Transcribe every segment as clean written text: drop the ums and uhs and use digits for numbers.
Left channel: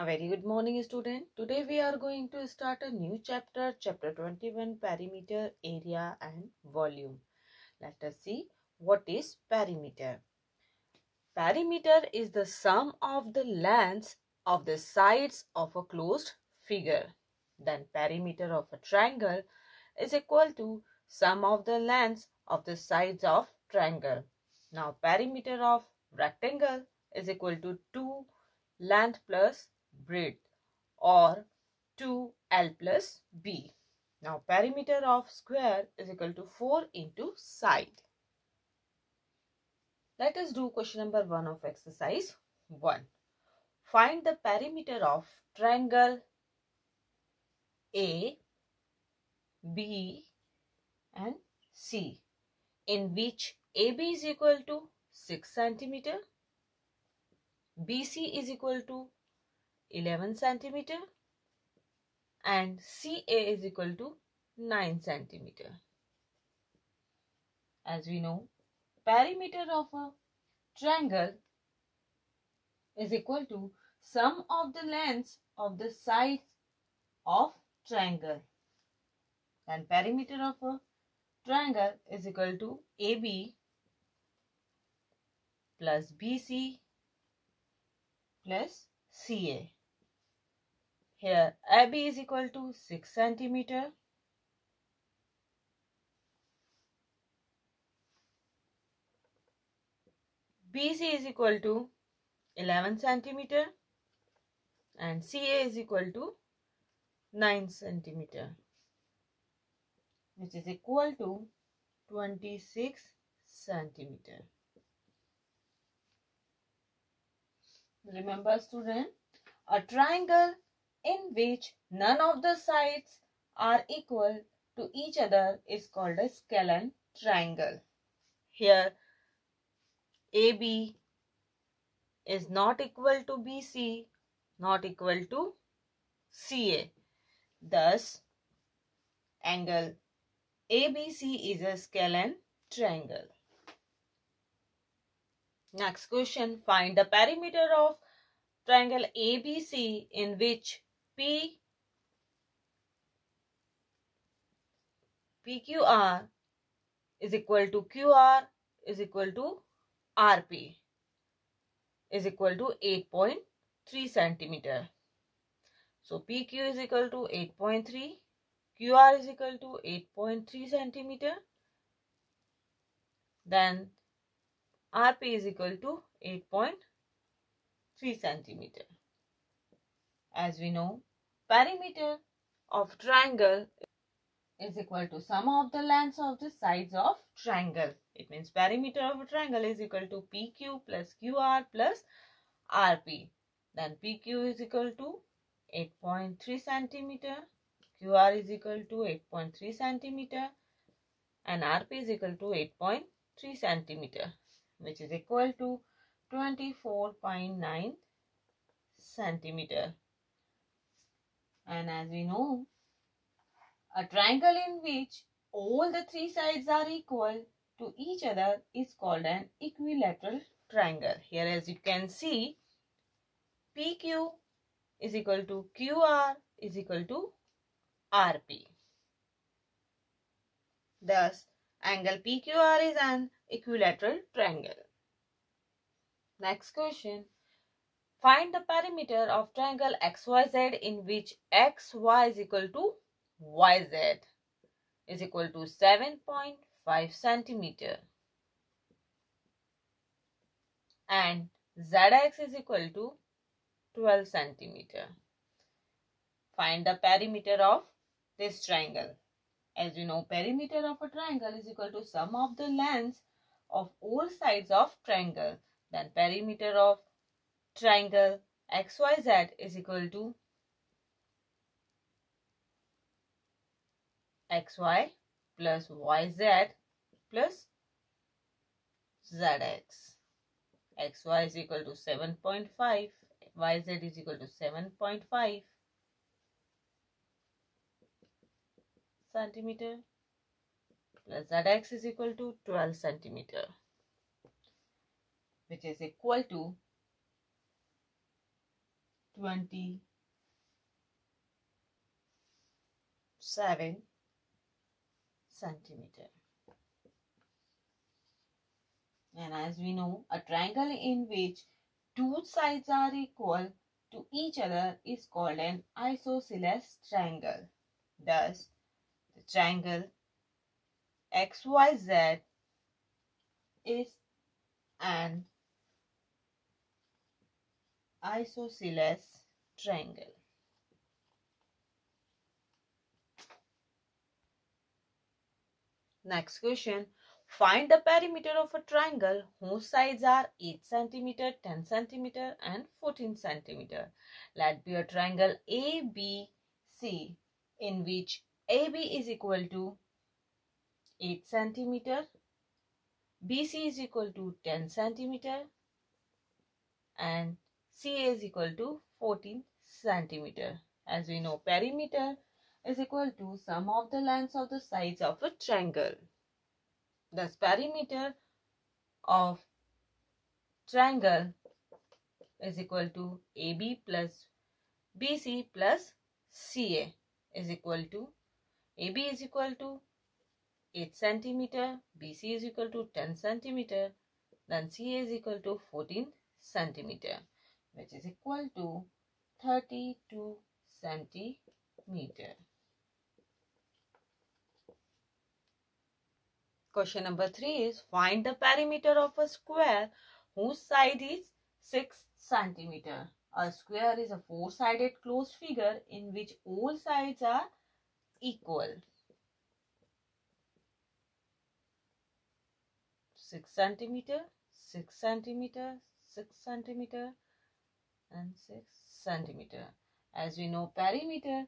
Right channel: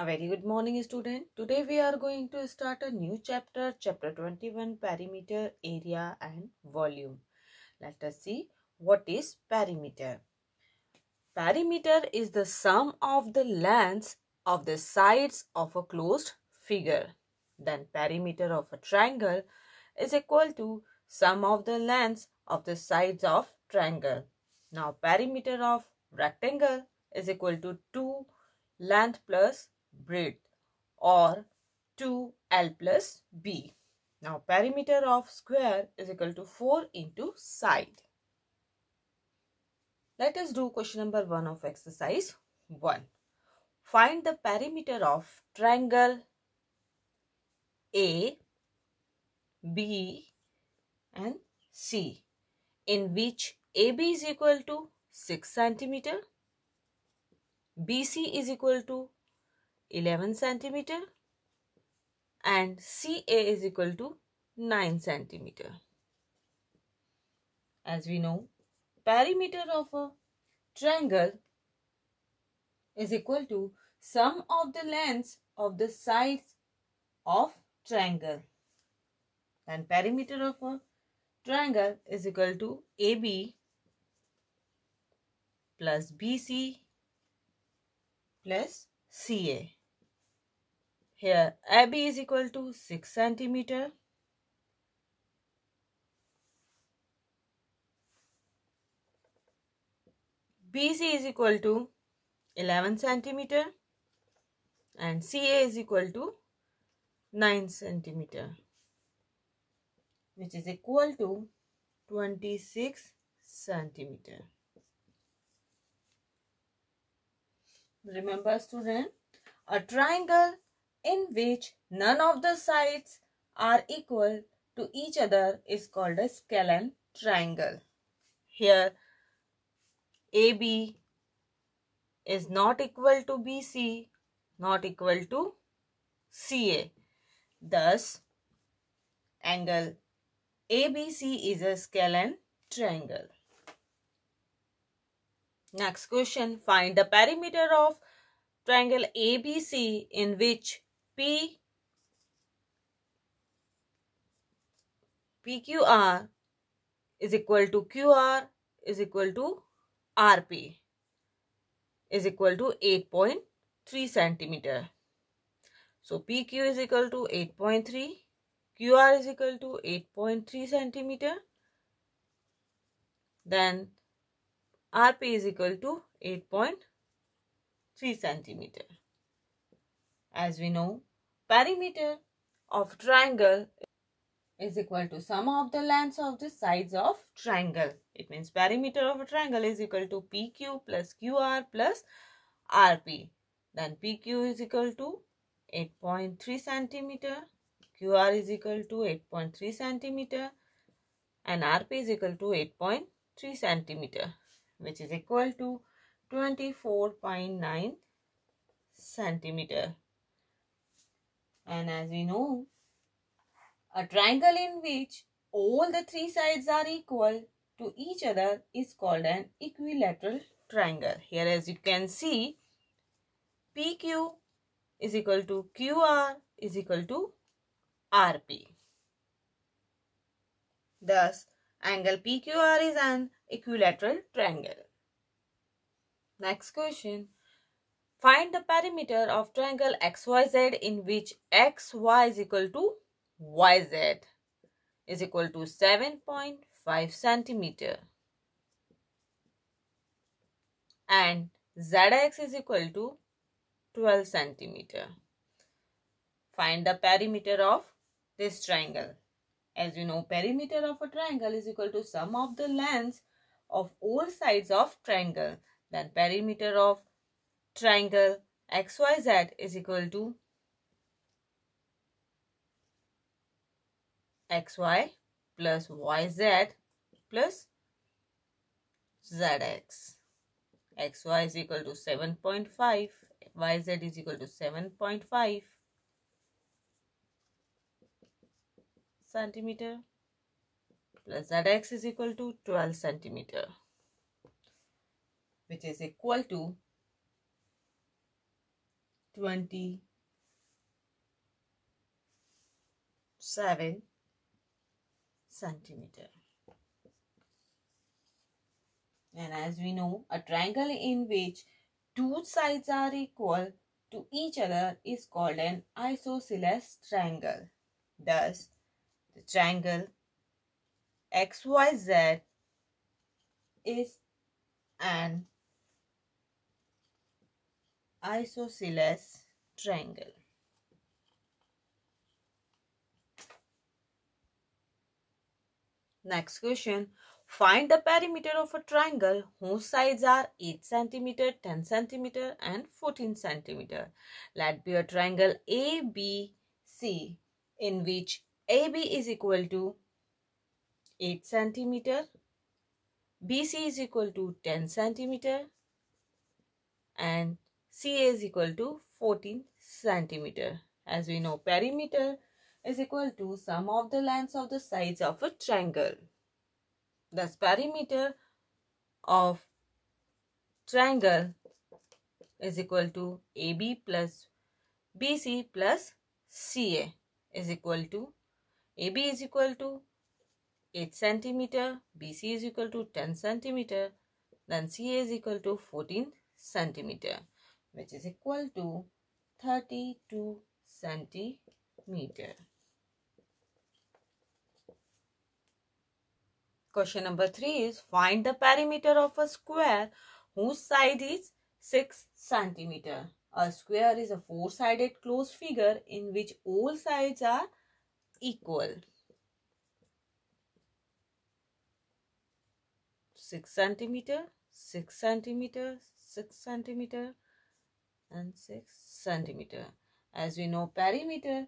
A very good morning, student. Today we are going to start a new chapter, chapter 21, perimeter, area and volume. Let us see what is perimeter. Perimeter is the sum of the lengths of the sides of a closed figure. Then perimeter of a triangle is equal to sum of the lengths of the sides of triangle. Now perimeter of rectangle is equal to 2 length plus breadth or 2L plus B. Now perimeter of square is equal to 4 into side. Let us do question number 1 of exercise 1. Find the perimeter of triangle A, B and C in which AB is equal to 6 cm, BC is equal to 11 cm and CA is equal to 9 cm. As we know, perimeter of a triangle is equal to sum of the lengths of the sides of triangle. Then perimeter of a triangle is equal to AB plus BC plus CA. Here AB is equal to 6 cm. BC is equal to 11 cm and CA is equal to 9 cm, which is equal to 26 cm. Remember student, a triangle in which none of the sides are equal to each other is called a scalene triangle. Here AB is not equal to BC, not equal to CA. Thus, angle ABC is a scalene triangle. Next question, find the perimeter of triangle ABC in which PQR is equal to QR is equal to RP is equal to 8.3 centimeter. So PQ is equal to 8.3, QR is equal to 8.3 centimeter. Then RP is equal to 8.3 centimeter. As we know, perimeter of triangle is equal to sum of the lengths of the sides of triangle. It means perimeter of a triangle is equal to PQ plus QR plus RP. Then PQ is equal to 8.3 centimeter, QR is equal to 8.3 centimeter and RP is equal to 8.3 centimeter, which is equal to 24.9 centimeter. And as we know, a triangle in which all the three sides are equal to each other is called an equilateral triangle. Here as you can see, PQ is equal to QR is equal to RP. Thus, angle PQR is an equilateral triangle. Next question. Find the perimeter of triangle XYZ in which XY is equal to YZ is equal to 7.5 centimeter and ZX is equal to 12 centimeter. Find the perimeter of this triangle. As you know, perimeter of a triangle is equal to sum of the lengths of all sides of triangle. Then perimeter of triangle XYZ is equal to XY plus YZ plus ZX. XY is equal to 7.5, YZ is equal to 7.5 centimeter plus ZX is equal to 12 centimeter, which is equal to 27 centimeter. And as we know, a triangle in which two sides are equal to each other is called an isosceles triangle. Thus, the triangle XYZ is an isosceles triangle. Next question. Find the perimeter of a triangle whose sides are 8 cm, 10 cm and 14 cm. Let be a triangle ABC in which AB is equal to 8 cm, BC is equal to 10 cm and CA is equal to 14 cm. As we know, perimeter is equal to sum of the lengths of the sides of a triangle. Thus, perimeter of triangle is equal to AB plus BC plus CA is equal to AB is equal to 8 cm, BC is equal to 10 cm, then CA is equal to 14 cm, which is equal to 32 centimeter. Question number 3 is find the perimeter of a square whose side is 6 centimeter. A square is a four-sided closed figure in which all sides are equal. 6 centimeter, 6 centimeter, 6 centimeter and 6 centimeter. As we know, perimeter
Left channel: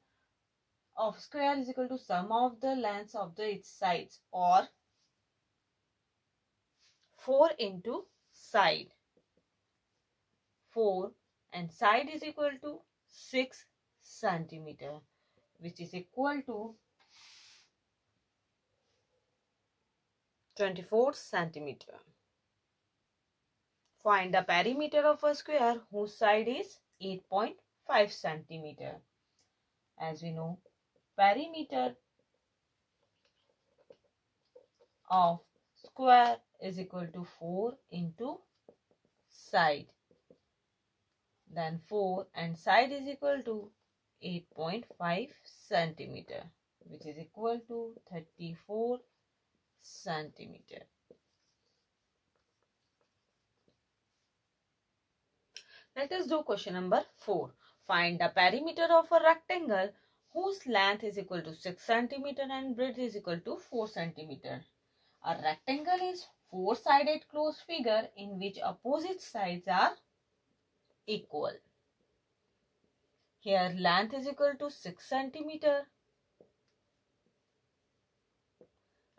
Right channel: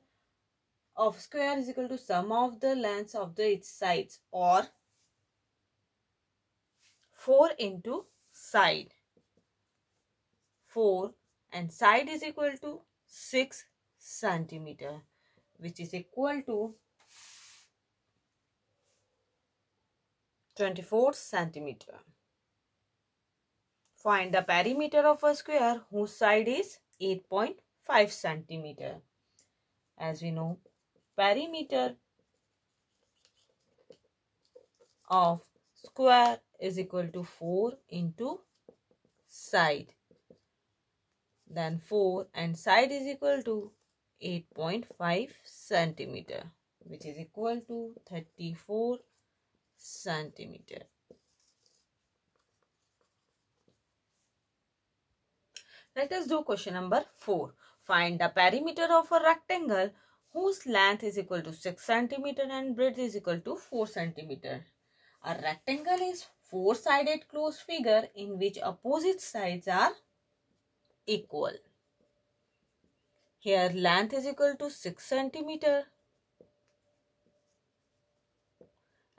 of square is equal to sum of the lengths of its sides, or 4 into side. 4 and side is equal to 6 centimeter, which is equal to 24 centimeter. Find the perimeter of a square whose side is 8.5 centimeter. As we know, perimeter of square is equal to 4 into side. Then 4 and side is equal to 8.5 centimeter, which is equal to 34 centimeter. Let us do question number 4. Find the perimeter of a rectangle whose length is equal to 6 centimeter and breadth is equal to 4 centimeter. A rectangle is four-sided closed figure in which opposite sides are equal. Here length is equal to 6 centimeter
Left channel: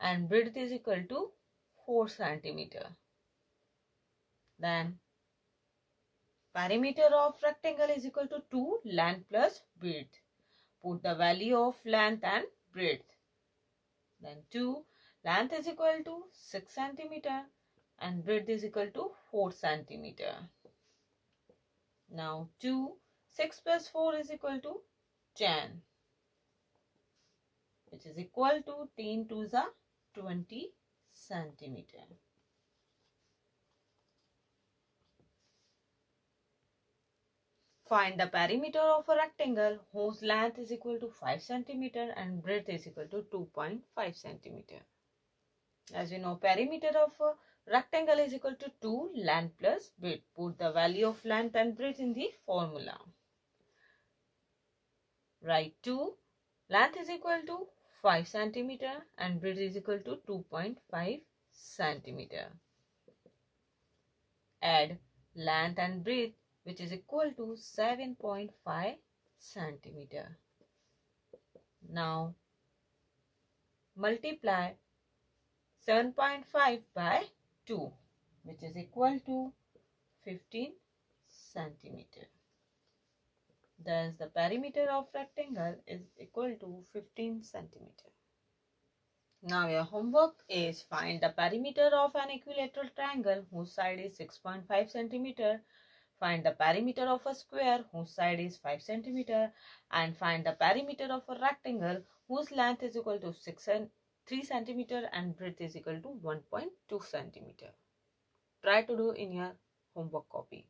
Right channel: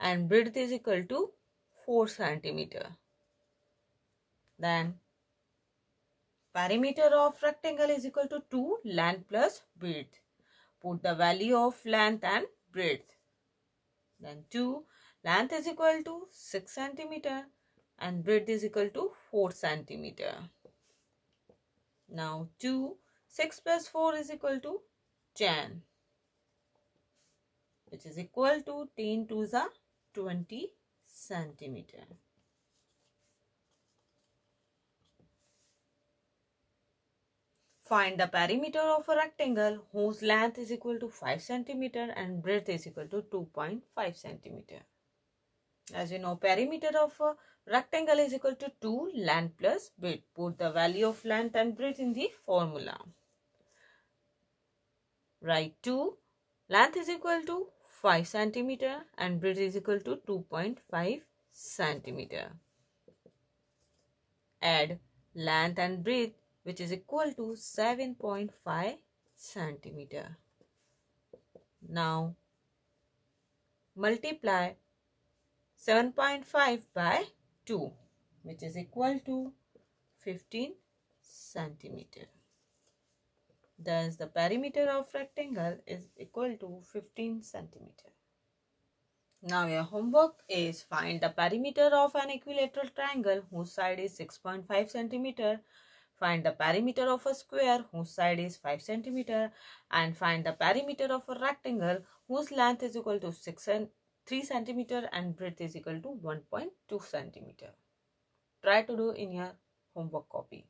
and breadth is equal to 4 centimeter. Then perimeter of rectangle is equal to 2 length plus breadth. Put the value of length and breadth. Then 2 length is equal to 6 centimeter and breadth is equal to 4 centimeter. Now 6 plus 4 is equal to 10, which is equal to 10 to the 20 centimeter. Find the perimeter of a rectangle whose length is equal to 5 centimeter and breadth is equal to 2.5 centimeter. As you know, perimeter of a rectangle is equal to 2 length plus breadth. Put the value of length and breadth in the formula. Write 2 length is equal to 5 centimeter and breadth is equal to 2.5 centimeter. Add length and breadth, which is equal to 7.5 centimeter. Now multiply 7.5 by 2, which is equal to 15 centimeter. Thus, the perimeter of rectangle is equal to 15 centimeter. Now, your homework is find the perimeter of an equilateral triangle whose side is 6.5 centimeter Find the perimeter of a square whose side is 5 cm and find the perimeter of a rectangle whose length is equal to 3 cm and breadth is equal to 1.2 cm. Try to do in your homework copy.